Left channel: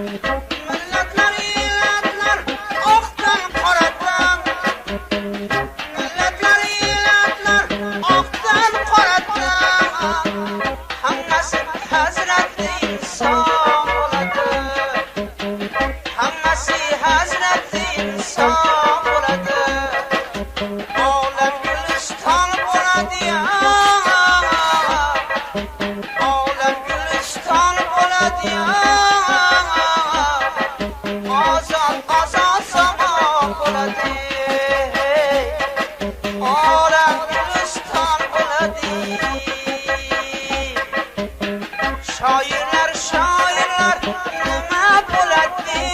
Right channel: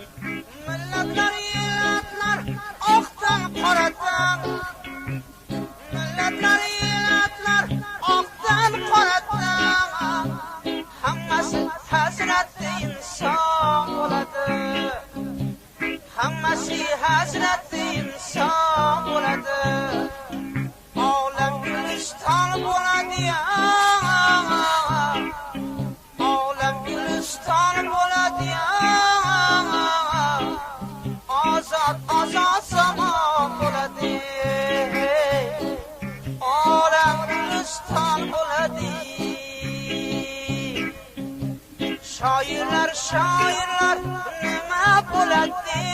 Millatlar elatlar oqdan qoradan, millatlar elatlar oqdan qoradan, hammasi hazratli inson bo'ladi, hammasi hazratli inson bo'ladi, olam guliston bo'ladi, olam guliston bo'ladi, ozod ozod somon bo'ladi, olam guliston bo'ladi. Shoirlar shoirlar nima bo'ladi,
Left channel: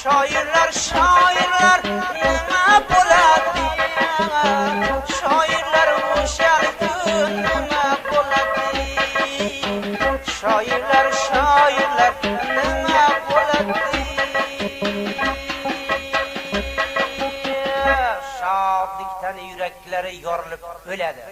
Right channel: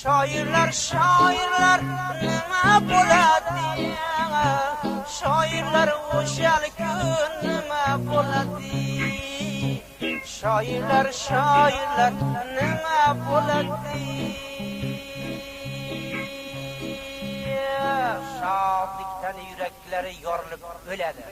shoirlar shoirlar nima bo'ladi, shoirlar o'sha kun nima bo'ladi, shoirlar shoirlar nima bo'ladi. Shodlikdan yuraklari yorilib o'ladi.